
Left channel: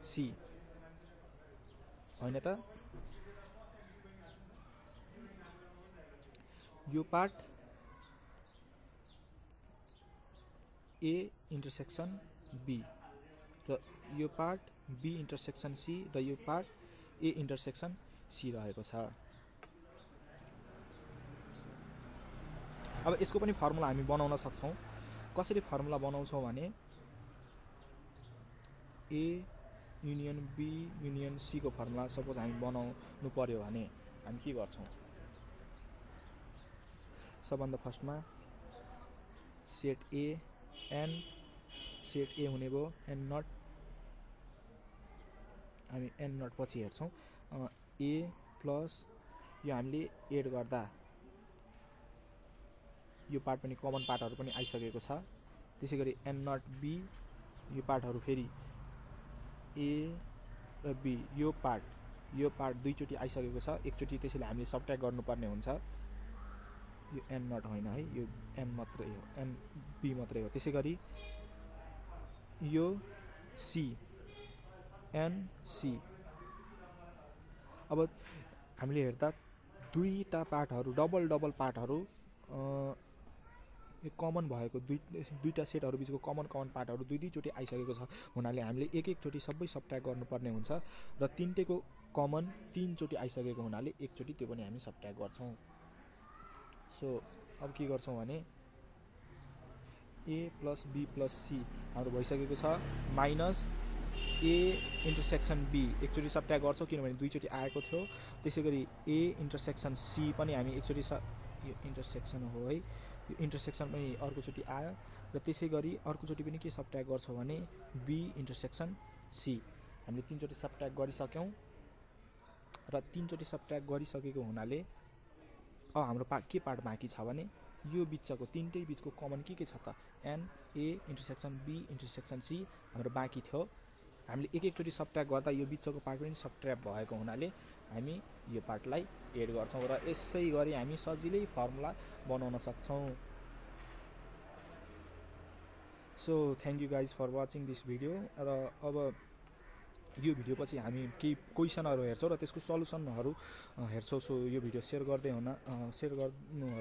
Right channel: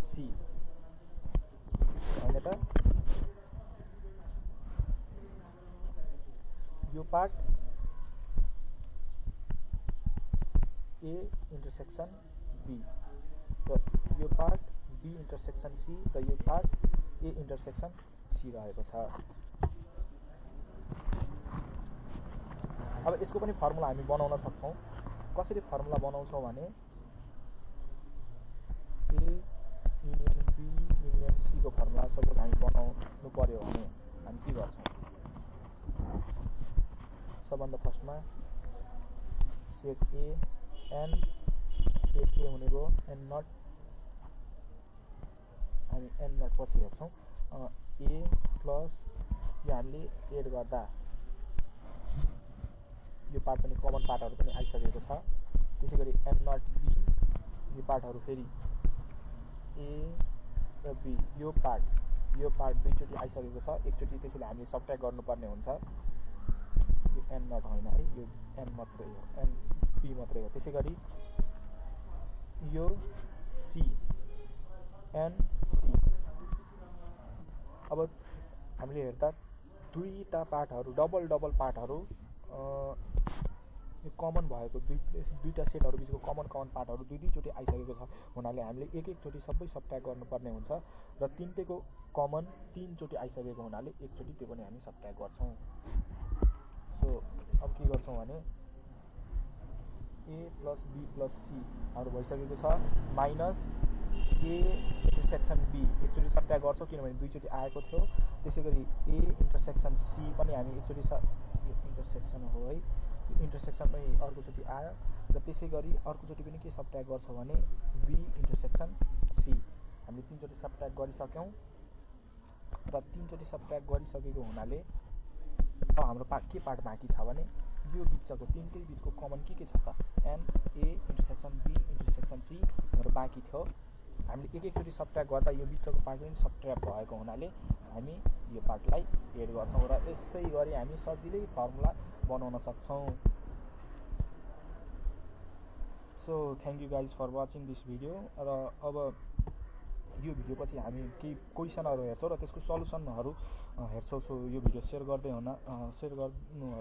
सी होइन त। यो पार्ट ए इन्टरसेक्सन बी र यो पार्ट बी इन्टरसेक्सन सी र यो पार्ट ए इन्टरसेक्सन सी रहेको छ। अब यसको पनि फर्मुला हामी बनाउन सक्छौँ। कसरी फर्मुला बनाउँछौँ भने A union B union C को फर्मुला सपोज हामी बनाउनु पर्यो भने हामी के गर्छौँ, सबभन्दा फर्स्टमा set A N, set A हुने भयो एन नट, हामी एन नट पछि हेर्छौँ, ए प्लस यो हामीले एड गर्दा यो पार्ट पनि कमन पार्टहरू पनि आइसकेको छ। त्यसै गरी एन नट बी, यो पार्टहरू फेरि ए र बी, यो पार्ट दुईचोटि आइसकेको छ, एकचोटि त्यसैले हामीले सबट्र्याक्ट गर्नुपर्ने हुन्छ। यो एन नट होइन है, यो एन मात्रै हो, एन बी मात्रै हो। त्यसै गरी यो सी एन सी। अब हामीले हेर्दा दुईटा पार्टहरू डबल पार्टहरू यो कमन भएको दुईटा सेटहरू बिचको कमन पार्टहरू दुईचोटि आइसकेको छ हुनाले हामीले एकचोटि सबै सबट्र्याक्ट गर्नुपर्ने हुन्छ र तिनटैको कमन तीनचोटि आइसकेको हुनाले एकचोटि त्यो पनि हामी सबट्र्याक्ट गर्छौँ। सो अब के गर्छौँ भने ए प्लस बी प्लस सी हाम्रो भइसकेको छ, माइनस ए इन्टरसेक्सन बी एकचोटि सबट्र्याक्ट गर्छौँ किनभने दुईचोटि आएको थियो। त्यसै गरी ए इन्टरसेक्सन सी पनि हामी एकचोटि यो इन्टरसेक्सन हो है, यो इन्टरसेक्सन पनि अर्कोचोटि आयो र त्यसै गरी अर्कोचोटि पनि के सबट्र्याक्ट गर्छौँ भने बी इन्टरसेक्सन सी हामीले तीनचोटि सबट्र्याक्ट गरिसक्यौँ र तीनचोटि सबट्र्याक्ट गरिसकेको हुनाले अब हाम्रो के पार्ट बाँकी छ भने यो बिचको तिनटै बिचको कमन के छ त N A intersection B intersection C हाम्रो बाँकी थियो। हामीले एकचोटि सबट्र्याक्ट गर्दा यो बिचको पार्ट पनि सबट्र्याक्ट भएको हुनाले हामी यो पार्टलाई एड गर्छौँ र यसै गरी हामी सजिलै फर्मुला बनाउन सक्छौँ। So thank you guys for watching this video. र अब यो भिडियो पछि हामी केही क्वेसनहरू हेर्छौँ र त्यसको सल्युसनहरू हेर्छौँ। सो यो भिडियो सेयर गर्नु होला।